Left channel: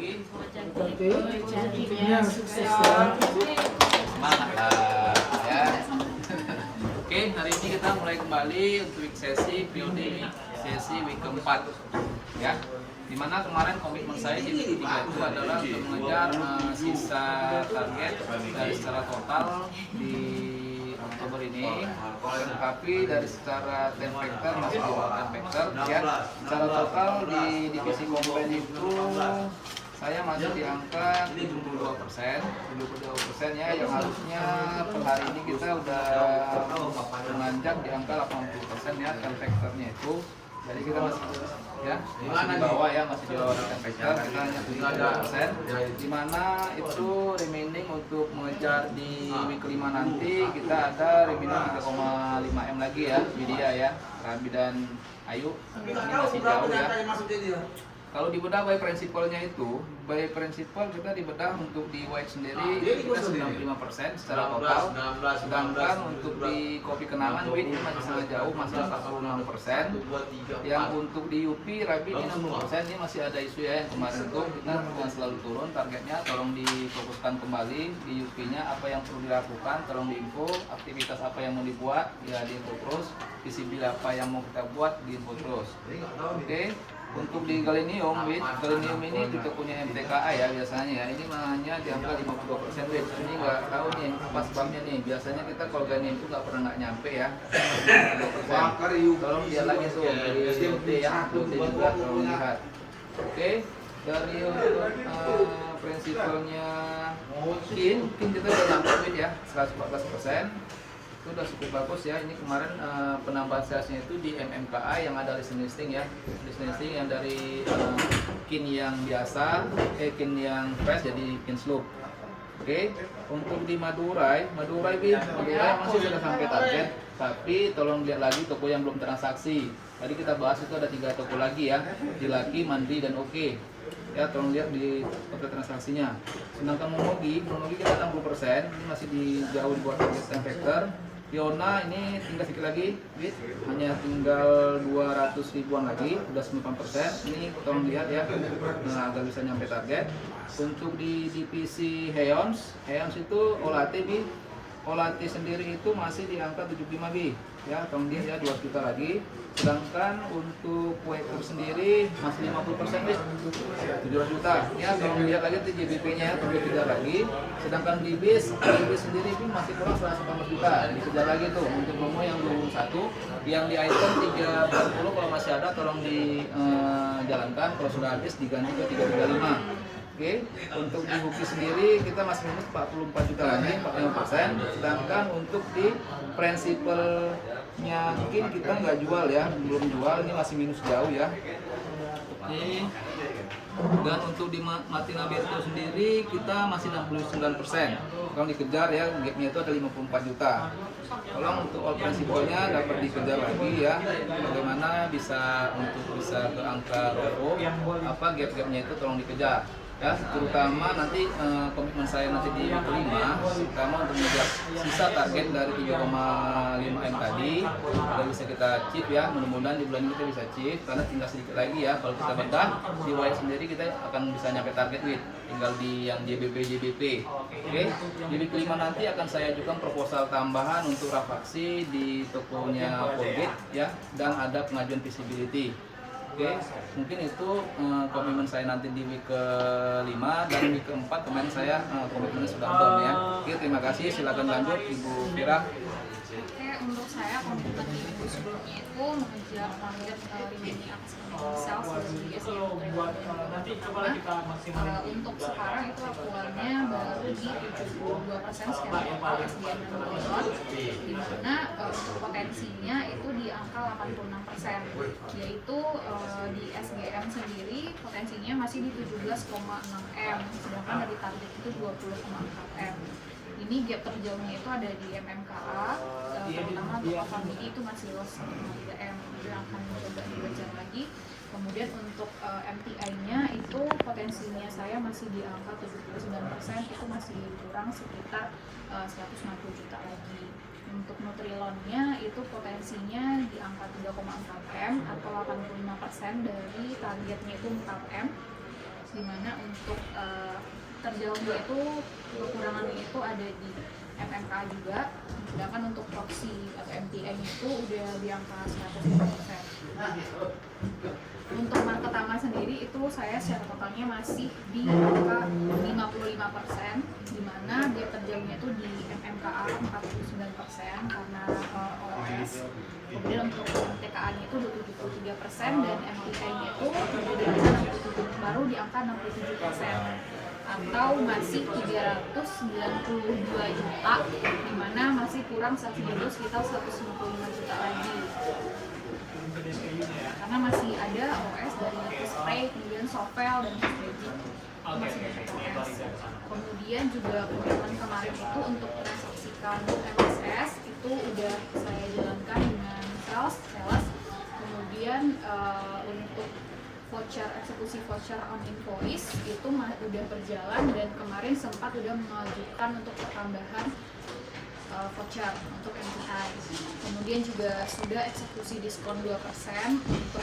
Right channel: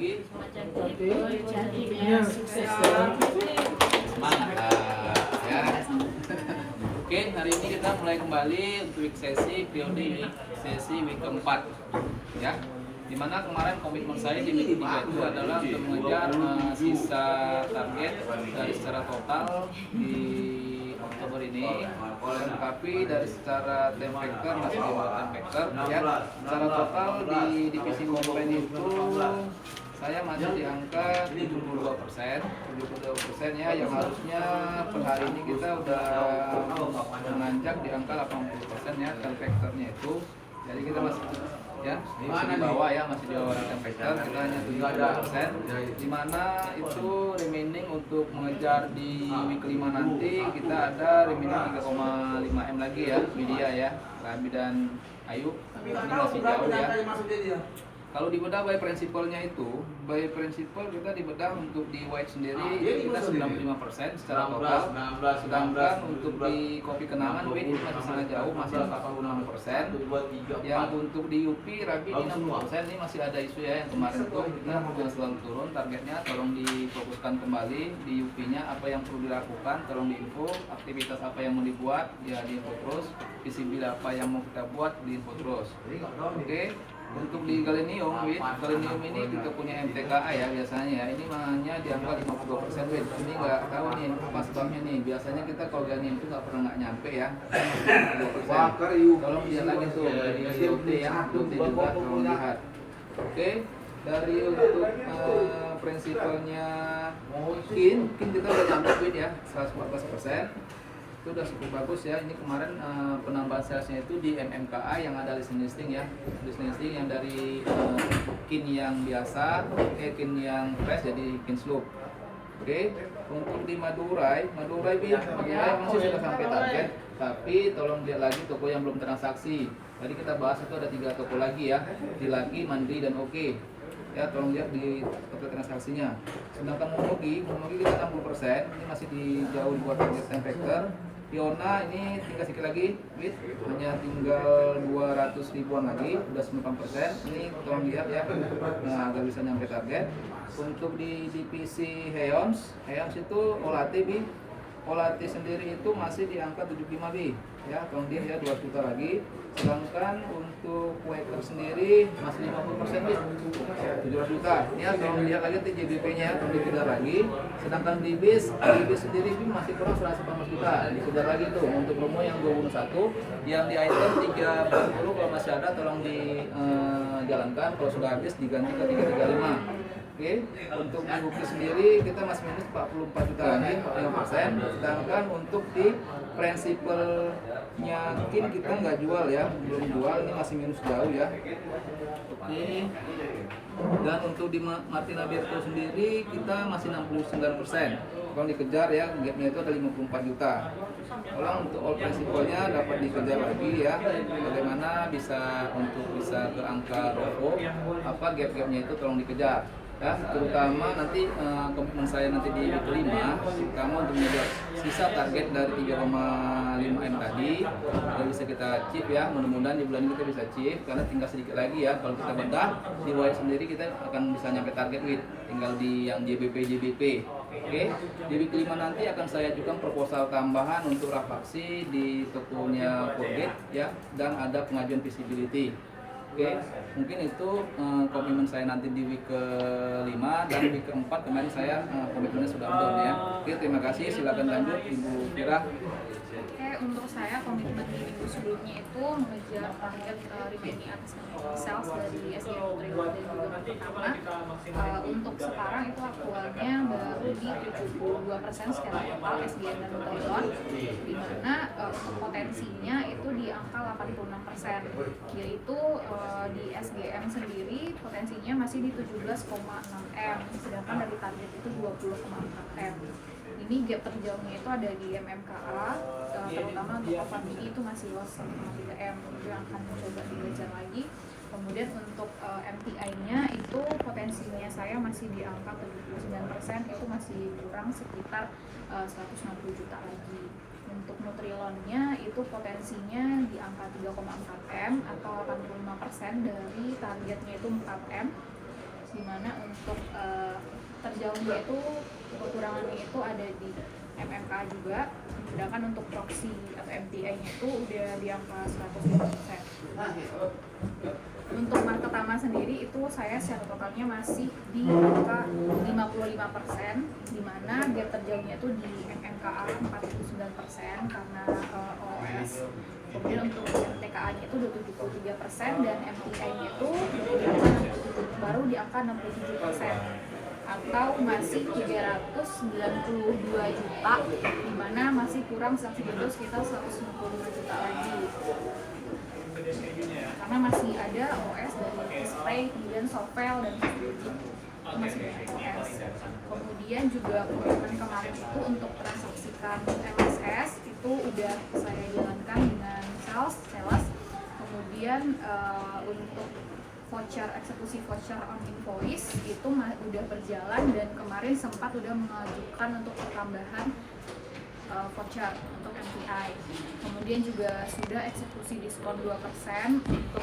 lagi. Jadinya sukses ya. Semangat ya. Oke, hari ini kita mulai kembali untuk week sesi periode ini, sesi week keempat ya. Dimana kemarin komitmen saya di week 3 itu adalah untuk mengejar sisa target dari secara total di Oktober ini, tapi dari secara time factor masih di bawah time factor ya. Secara total di divisi komponen itu saya masih di angka 72%, 72% ya, yang harusnya per hari ini kita udah menanjak di angka 80% ya time factornya itu. Jadi kita masih ya masih di bawah ya, masih di bawah time factor, kita hanya 72%, dimana itu remaining untuk mengejar di week 5 nanti kita ada remaining 3,5 M lagi ya, media ya, Rami dan Ayu ini masih jauh ya. Kalau dibedah by principle-nya itu, by principle kita dibedah untuk di white sendiri kita 95% secara total. Sedangkan untuk di kopi kenangan white masih sangat jauh, masih 46%. Yang untuk di UP Rabi di 60%, ini masih ada isu ya, yang kemarin tuh kita selalu turun targetnya, tolong difokuskan kembali di UP-nya, apa yang perlu dilakukan, tolong diinfo, aktivitas apa yang mau dibuat, ya diinfo terus, visibil apa yang mau kita buat, diinfo terus. Oke. Untuk di galenium ini kita punya MTKA ya biasanya ya, ini hanya di angka 52% wit. Ini nggak tahu nih apa sebabnya nih. Biasanya kita kalau galenium itu nggak pernah nyampe ya. Tolong lihat lagi tuh dari DOT ya, untuk juga tolong lihat. Oke, dari untuk prinsipalnya kin kita udah nyampe wit ya 114%. Itu udah cukup bagus ya. Ini kemarin penambahan salesnya itu di MMKA yang ada listing ya, listing yang dari kin yang biasa kin yang fresh jadi kin slope. Oke, untuk di Madurai masih sudah sampai target, tapi tolong lihat lagi toko yang belum transaksi. Tadi kita bahas itu ada 3 toko lagi ya, di Laki, Mandri dan Oke ya, tolong lihat di toko transaksinya. Sedangkan Momogi kita 60%, ini masih di jauh di bawah target time factor. Fiona ini tinggal sedikit lagi, hanya tinggal 200 ribuan lagi, udah 9%. Ini tolong lihat ya, nah, agak bisa nyampe target. Untuk di divisi Heons itu Olati sendiri itu masih di angka 75 B ya, tolong dia ya 2 juta lagi. Sedangkan untuk waiter sendiri masih 50% bis 700 juta ya, tolong lihat lagi JBP nya tolong dikejar lagi. Sedangkan di bis sendiri pun masih kurang 180 juta, dikejar lagi tuh untuk promo yang 21, yang di item 340 kalau masih ada tolong dijalankan, kalau sudah habis diganti ke 335. Oke, untuk di Huki sendiri kita masih minus 44 juta lagi, 45%. Sedangkan untuk di prinsipalnya mungkin kita nggak jual ya, belum jual, ini masih minus jauh ya. Oke. Dan untuk di Martina Birto sendiri kita masih 69%. Tolong dikejar ya, gapnya itu ada 54 juta. Tolong untuk all prinsipalnya dapat dikejar lagi ya. Bagaimana bisa ke angka ROFO, apa gap-gapnya itu tolong dikejar. Ya, terutama nanti komitmen saya nanti di week 5, terutama untuk mengejar sisa target dari 3,5 M tadi dan bisa kita achieve ya, mudah-mudahan di bulan ini kita bisa achieve, karena tinggal sedikit lagi ya, kalau kita bedah di white sendiri kita akan bisa nyampe target with, tinggal di yang JBP. Oke, di week 5 nanti akan saya ajukan proposal tambahan untuk rafaksi di tokonya Forget ya, dan ada pengajuan visibility. Oke, mungkin itu komitmen saya nanti di week ke-5 dan week ke-4 kemarin saya komitmennya sudah down ya. Oke, terima kasih, silakan lanjut Ibu Fira. Oke, untuk saya komitmen di minggu sebelumnya itu mengejar target remaining sales dari SDM pertama. Untuk sekarang itu aktualnya baru di 72% secara total SDM dan Motor, di mana untuk potensinya itu di angka 86%, yaitu di SGM sendiri potensinya masih di 17,6 M, sedangkan dari target itu 20,4 M. Ini gap terjauhnya itu ada di MMKA, terutama untuk Alphamidi itu masih loss 1,3 M, itu yang akan mencoba dikejar lagi. Kemudian untuk MTI-nya itu potensinya saya masih di angka 79%, itu masih kurang sekitar 150 juta lagi. Untuk Nutrilonnya itu potensinya di angka 3,4 M atau 85% dari targetnya itu 4 M. di mana untuk terjauhnya itu kekurangannya itu ada di MMK juga, sedangkan untuk proxy atau MTA-nya itu udah di angka 100%. Untuk market aman sendiri itu saya secara totalnya masih di angka 55%, di mana gap terjauhnya itu di MMKA 49% karena OS. Kemudian untuk MTKA-nya itu 73% dan MTI-nya itu baru di angka 67%. Atau masih 392 juta, di mana masih kurang subsidi itu sekitar 195 juta lagi. Karena masih ada OS dari spray, kemudian Sovel dan Magic itu masih banyak OS. Kemudian juga komitmen kemarin itu untuk transaksikan MSS itu udah saya jalankan dengan sales. Kemudian untuk eksekusi voucher on invoice itu udah berjalan dan kemarin sempat udah mengajukan untuk pertambahan voucher untuk MTI. Kemudian juga sudah eksekusi diskon 2% untuk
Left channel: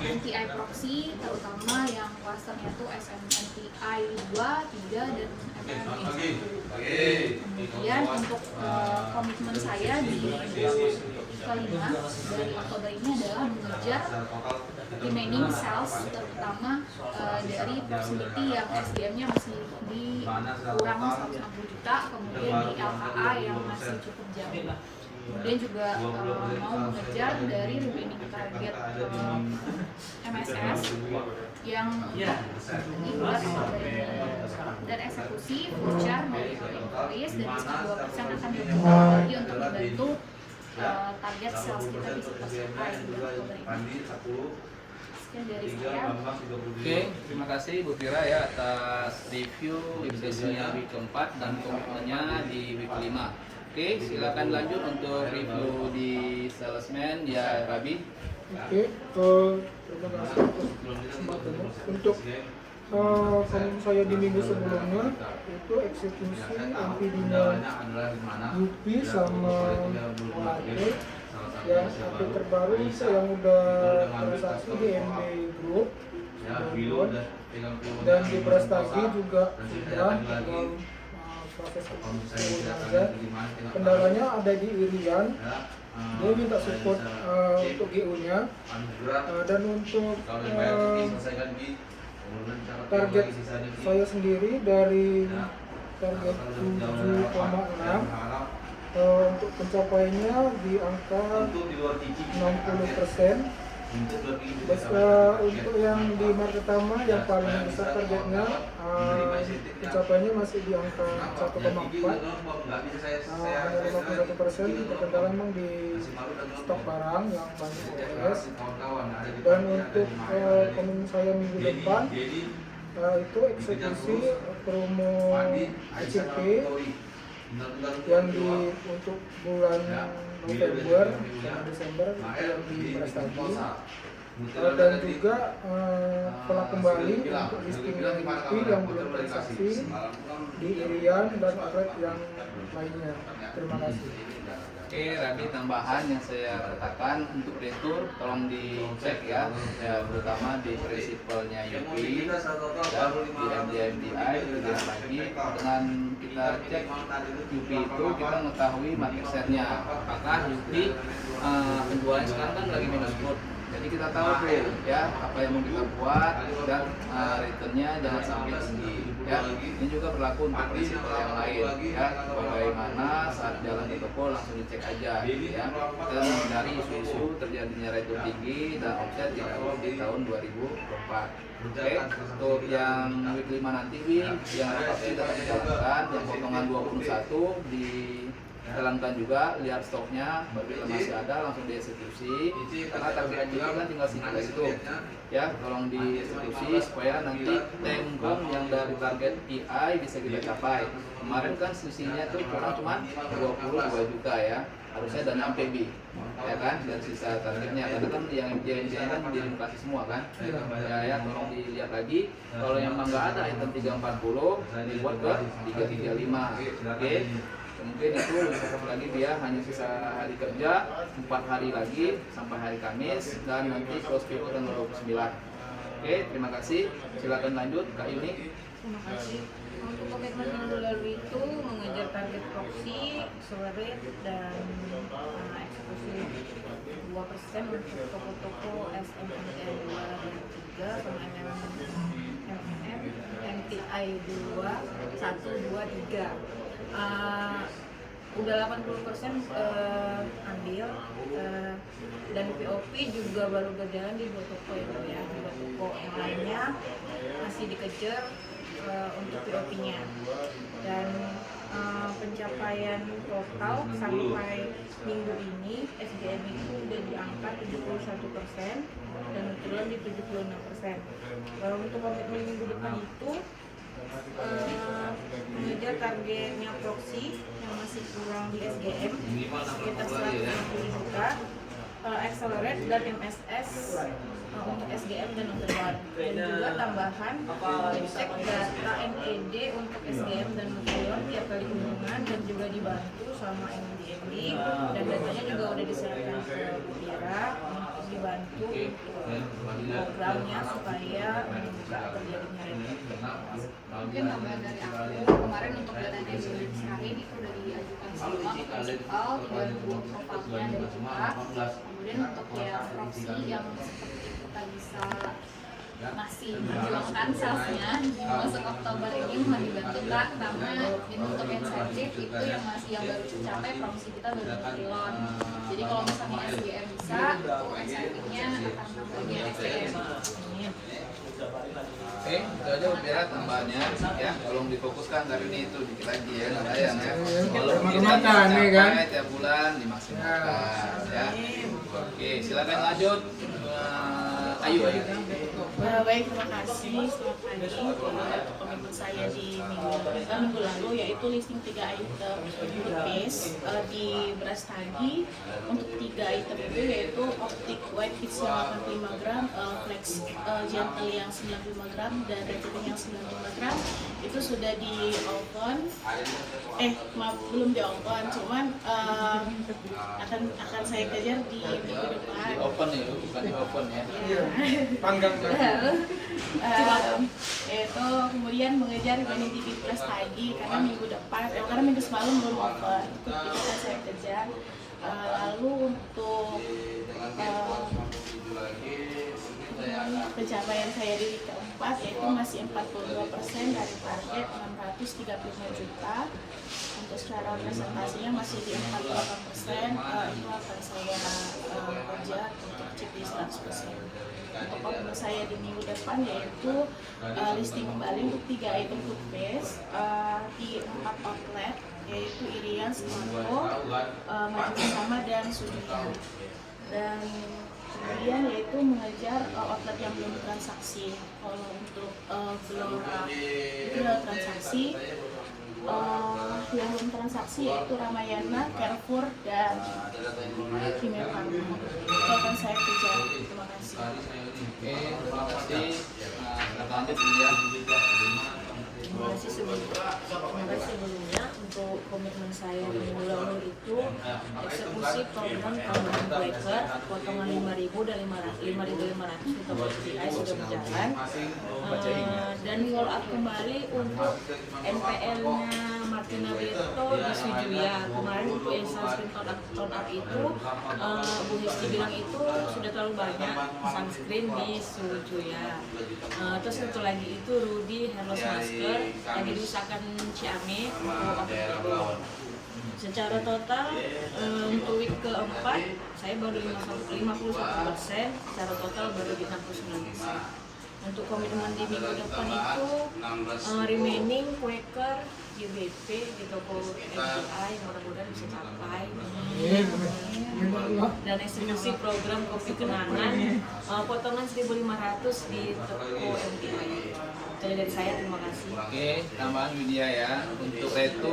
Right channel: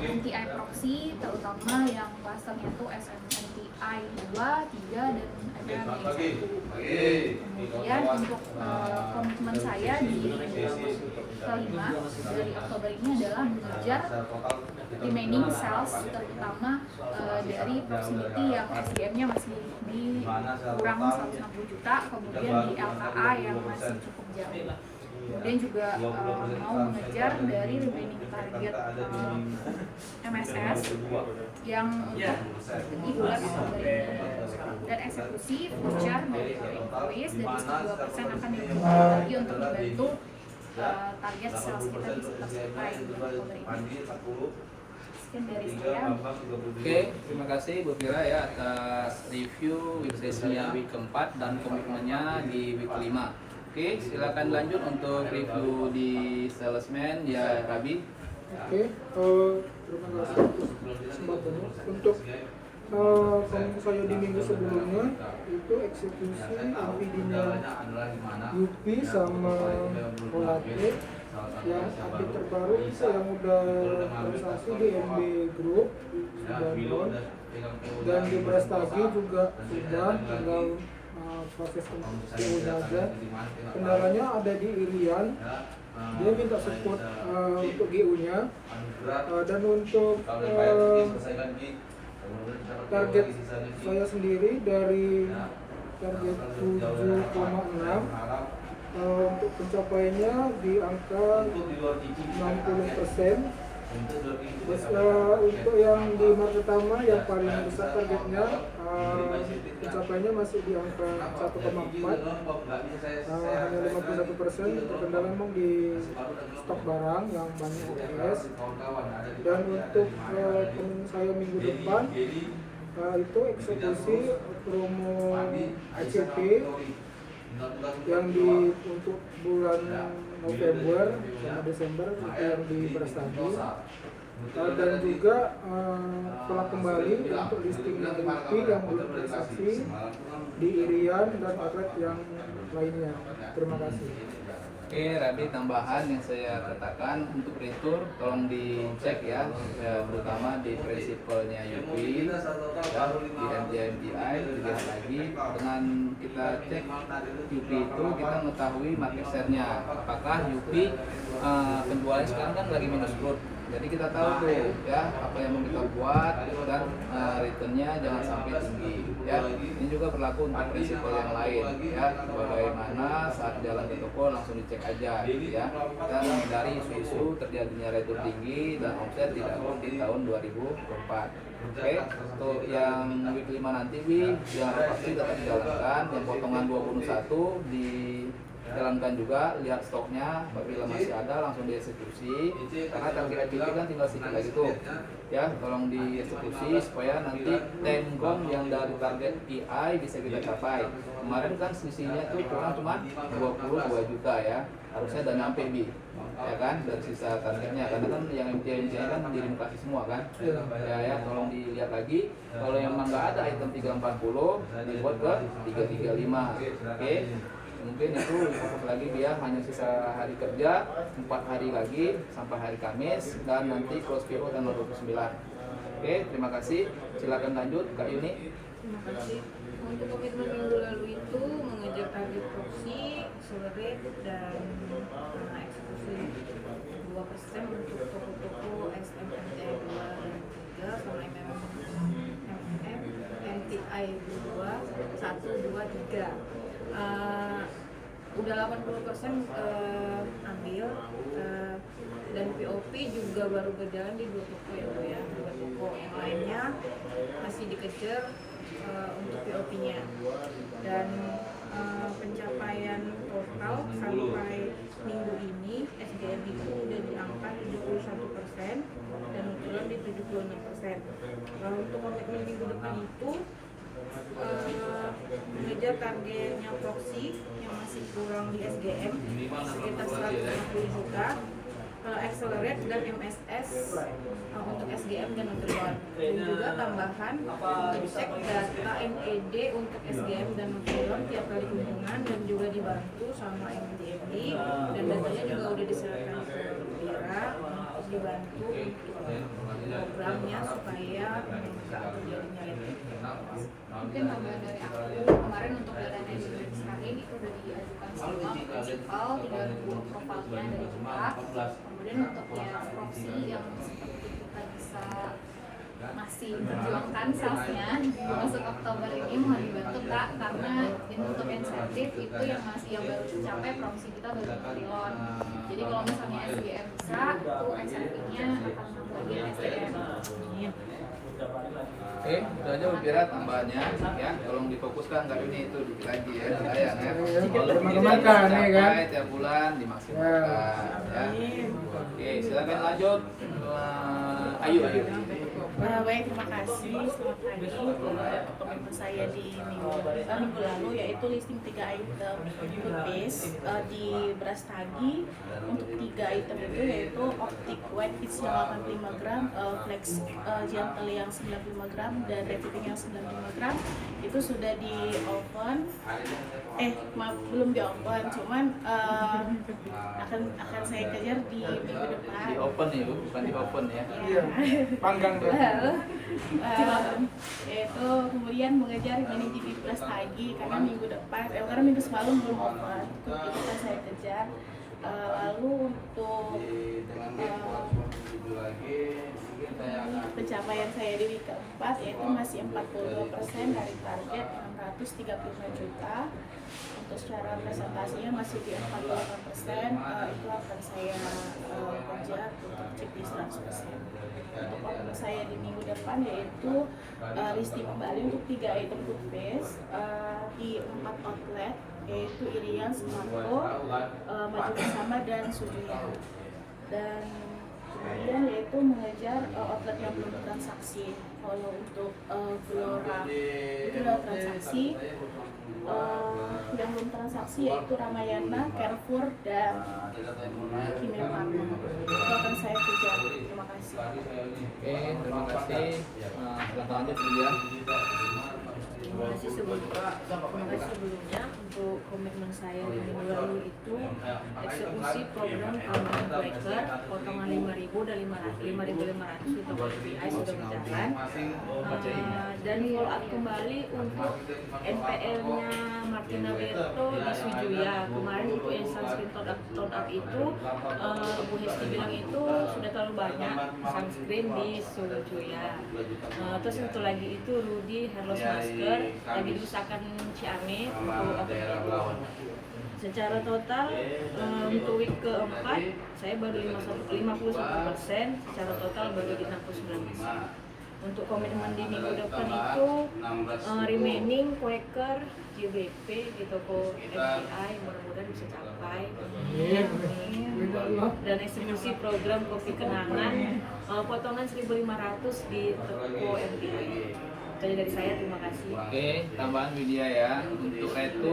MTI proxy, terutama yang klasternya itu SMMTI 2, 3, dan MMI 1. Kemudian untuk komitmen saya di kelima dari Oktober ini adalah mengejar remaining sales, terutama dari proximity yang SDM-nya masih di kurang 160 juta, kemudian di LKA yang masih cukup jauh. Kemudian juga mau mengejar dari remaining target MSS yang untuk di bulan Oktober ini, dan eksekusi voucher dari invoice dan diskon 2% akan dilakukan lagi untuk membantu target sales kita bisa tercapai di bulan Oktober ini. Sekian dari saya. Oke, terima kasih Bu Fira ya atas review week session-nya week keempat dan komitmennya di week 5. Oke, silakan lanjut untuk review di salesman ya Rabi. Oke, terima kasih atas kesempatannya. Untuk komitmen saya di minggu sebelumnya itu eksekusi MPD-nya UP sama Olate. Yang update terbaru itu yang udah transaksi di MB Group dan di Brastagi juga sudah tinggal proses eksekusi saja. Kendalanya ada di Irian, dia minta support untuk GU-nya dan untuk target saya sendiri dari target 7,6 untuk pencapaiannya di angka 60%. Untuk yang di market pertama yang paling besar targetnya pencapaiannya masih di angka 1,4, hanya 51%. Terkendala memang di stok barang yang banyak OS. Dan untuk komitmen saya minggu depan itu eksekusi promo ACP yang untuk bulan November sama Desember itu yang di Brastagi, dan juga telah kembali untuk listing dari IP yang belum transaksi di Irian dan outlet yang lainnya. Terima kasih. Oke, Rabi, tambahan yang saya katakan untuk retur tolong dicek ya, terutama di prinsipalnya UP ya, di MDMDI juga lagi. Dengan kita cek UP itu kita mengetahui market share-nya, apakah UP penjualan sekarang kan lagi minus growth. Jadi kita tahu tuh ya apa yang mau kita buat dan returnnya jangan sampai tinggi ya. Ini juga berlaku untuk prinsipal yang lain ya. Bagaimana saat jalan ke toko langsung dicek aja ya. Kita menghindari isu-isu terjadinya return tinggi dan omset tidak di tahun 2024. Oke, untuk yang week 5 nanti yang pasti tetap dijalankan, yang potongan 21 dijalankan juga, lihat stoknya apabila masih ada langsung dieksekusi karena target ini kan tinggal sedikit lagi tuh ya, tolong dieksekusi supaya nanti tembong yang dari target PI bisa kita capai. Kemarin kan selisihnya tuh kurang cuma 22 juta ya, harusnya dana PB ya kan, dan sisa targetnya karena kan yang MJ kan dilokasi semua kan ya, tolong dilihat lagi. Kalau yang nggak ada item 340 dibuat ke 335. Oke, mungkin itu lagi dia hanya sisa hari kerja 4 hari lagi sampai hari Kamis dan nanti close PO tanggal 29. Oke, terima kasih. Silakan lanjut Kak Yuni. Terima kasih. Untuk komitmen minggu lalu itu mengejar target proxy, accelerate, dan eksekusi 2% untuk toko-toko SMMT 2 dan 3 sama MTI 2, 1, 2, 3. Udah 80% ambil, dan POP juga baru berjalan di 2 toko ya, 2 toko yang lainnya masih dikejar untuk POP-nya. Dan pencapaian total sampai minggu ini SGM itu udah di angka 71% dan turun di 76%. Untuk komitmen minggu depan itu mengejar targetnya proxy yang masih kurang di SGM sekitar 150 juta, accelerate dan MSS untuk SGM dan Nutrilon, dan juga tambahan cek data NED untuk SGM dan Nutrilon tiap kali kunjungan, dan juga dibantu sama MDMD, dan datanya juga udah disiapkan ke Bira untuk dibantu untuk programnya supaya nggak terjadinya ini. Mungkin tambahan dari aku, kemarin untuk data yang sekarang itu udah diajukan semua ke prinsipal, tinggal nunggu profilnya dari kita. Kemudian untuk yang proxy yang seperti kita bisa masih memperjuangkan salesnya masuk Oktober ini mohon dibantu Kak, karena untuk insentif itu yang masih yang baru tercapai proxy kita baru Nutrilon. Jadi kalau misalnya SGM bisa, itu insentifnya akan bagian SGM. Oke, itu aja Bira tambahannya ya. Tolong difokuskan dari ini itu dikit lagi ya, sayang ya. Kalau Dimaksimalkan, ya kan? tiap bulan dimaksimalkan ya. Oke, silakan lanjut. Ayu. Baik, terima kasih. Selamat pagi. Untuk komitmen saya di minggu lalu yaitu listing 3 item toothpaste di beras tagi. Untuk 3 item itu yaitu Optic White Fix yang 85 gram, Flex Gentle yang 95 gram, dan Retinol yang 95 gram. Itu sudah di oven. Maaf, belum di oven, cuman akan saya kejar di minggu depan. Di open nih, bukan di oven ya. Panggang Yaitu kemudian mengejar Humanity Plus tadi karena minggu depan, karena minggu semalam belum open, itu akan saya kejar. Lalu untuk pencapaian saya di week keempat yaitu masih 42% dari target 635 juta. Untuk secara presentasinya masih di 48%, itu akan saya kejar untuk CP 100%. Untuk komitmen saya di minggu depan yaitu listing kembali untuk 3 item toothpaste di 4 outlet, yaitu Irian, Smartco, Maju Bersama, dan Sujunya. Dan kemudian yaitu mengejar outlet yang belum transaksi. Kalau untuk Flora itu adalah transaksi. Yang belum transaksi yaitu Ramayana, Carrefour, dan Kimia Farma. Itu akan saya kejar. Terima kasih. Oke, terima kasih. Lanjut ya. Terima kasih sebelumnya untuk komitmen saya di minggu lalu itu eksekusi program tambahan breaker potongan 5.000 dan 5.500 di toko SPI sudah berjalan, dan follow up kembali untuk NPL-nya Martina Beto di Sujuya. Kemarin untuk yang sunscreen tone up itu Bu Hesti bilang itu sudah terlalu banyak sunscreen di Sujuya. Terus satu lagi itu Rudy Hair Loss Masker yang diusahakan Ciame untuk Oktober. Secara total untuk week keempat saya baru 51%, secara total baru di 69%. Untuk komitmen di minggu depan itu remaining Quaker JBP di toko MPI mudah-mudahan bisa capai, dan eksekusi program kopi kenangan potongan 1.500 di toko MPI. Itu dari saya, terima kasih. Oke, tambahan Yunia ya. Untuk retu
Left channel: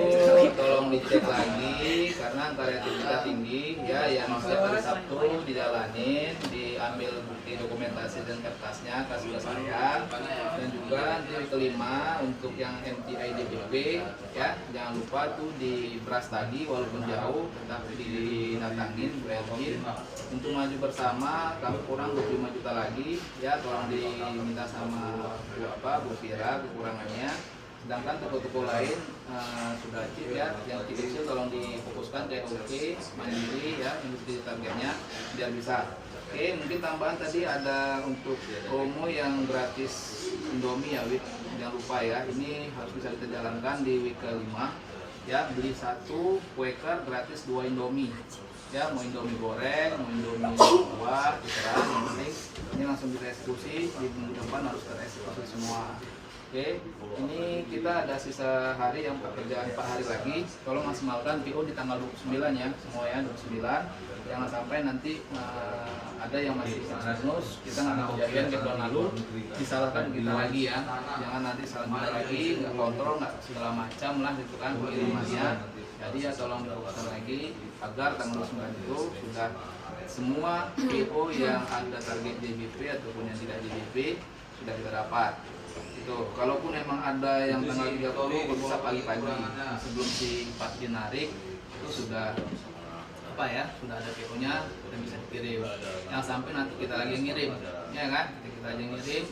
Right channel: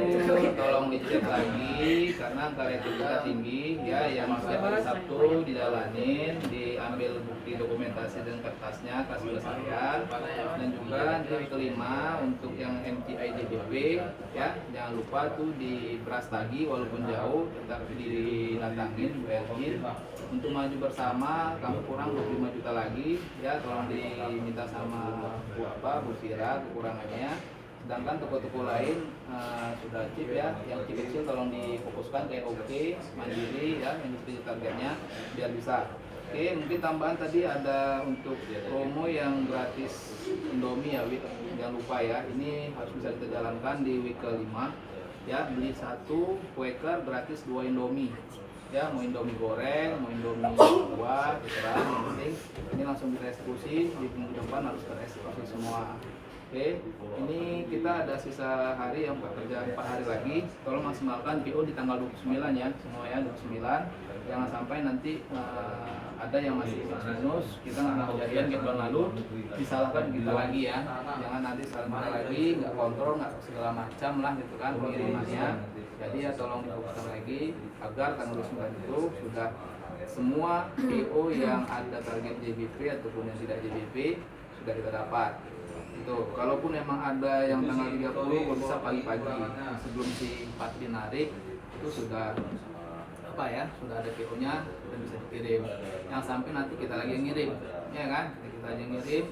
tolong dicek lagi karena angka retu kita tinggi ya. Yang setiap hari Sabtu didalanin, ambil bukti dokumentasi dan kertasnya kelas 11 kalian. Dan juga nanti week kelima untuk yang MTI DBP ya, jangan lupa tuh di Brastagi walaupun jauh tetap didatangin Bu Elvin untuk maju bersama. Kamu kurang 25 juta lagi ya, tolong diminta sama Bu Fira kekurangannya. Sedangkan toko-toko lain sudah chip ya, yang kecil tolong difokuskan kayak Oke, Mandiri ya, industri targetnya biar bisa. Oke, mungkin tambahan tadi ada untuk promo yang gratis Indomie ya, Wid. Jangan lupa ya, ini harus bisa kita jalankan di week kelima ya, beli 1 Quaker gratis 2 Indomie ya, mau Indomie goreng, mau Indomie buah, terserah, yang penting ini langsung direksekusi, di minggu depan harus tereksekusi semua. Oke, ini kita ada sisa hari yang pekerjaan 4 hari lagi. Tolong maksimalkan PO di tanggal 29 ya, semua ya 29. Jangan sampai nanti ada yang masih minus, kita nggak kejadian kayak tahun lalu, disalahkan kita lagi ya. Jangan nanti salah lagi, nggak kontrol, nggak segala macam lah gitu kan pengirimannya. Jadi ya tolong difokuskan lagi agar tanggal 29 itu sudah semua PO yang ada target JBP ataupun yang tidak JBP sudah kita dapat. Itu kalaupun memang ada yang tanggal 30 kalau bisa pagi-pagi sebelum si 4 dinarik itu sudah apa ya, sudah ada PO-nya, sudah bisa dikirim. Yang sampai nanti kita lagi yang ngirim, ya kan? Kita aja ngirim,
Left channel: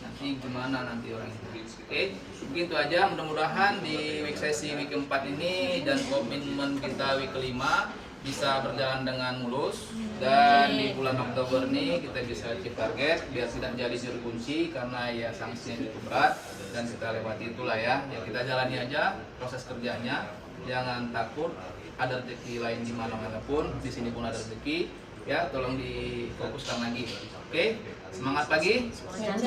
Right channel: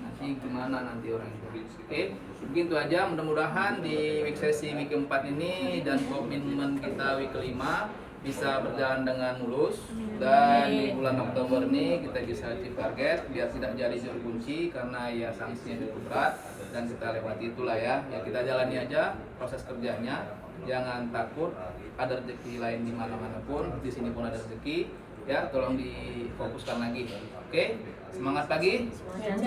nanti gimana nanti orang itu. Oke, begitu aja. Mudah-mudahan di week sesi week keempat ini dan komitmen kita week kelima bisa berjalan dengan mulus, dan di bulan Oktober ini kita bisa achieve target biar tidak jadi juru kunci karena ya sanksinya cukup berat, dan kita lewati itulah ya. Ya kita jalani aja proses kerjanya, jangan takut, ada rezeki lain di mana-mana pun, di sini pun ada rezeki ya, tolong difokuskan lagi. Oke, semangat pagi. Jangan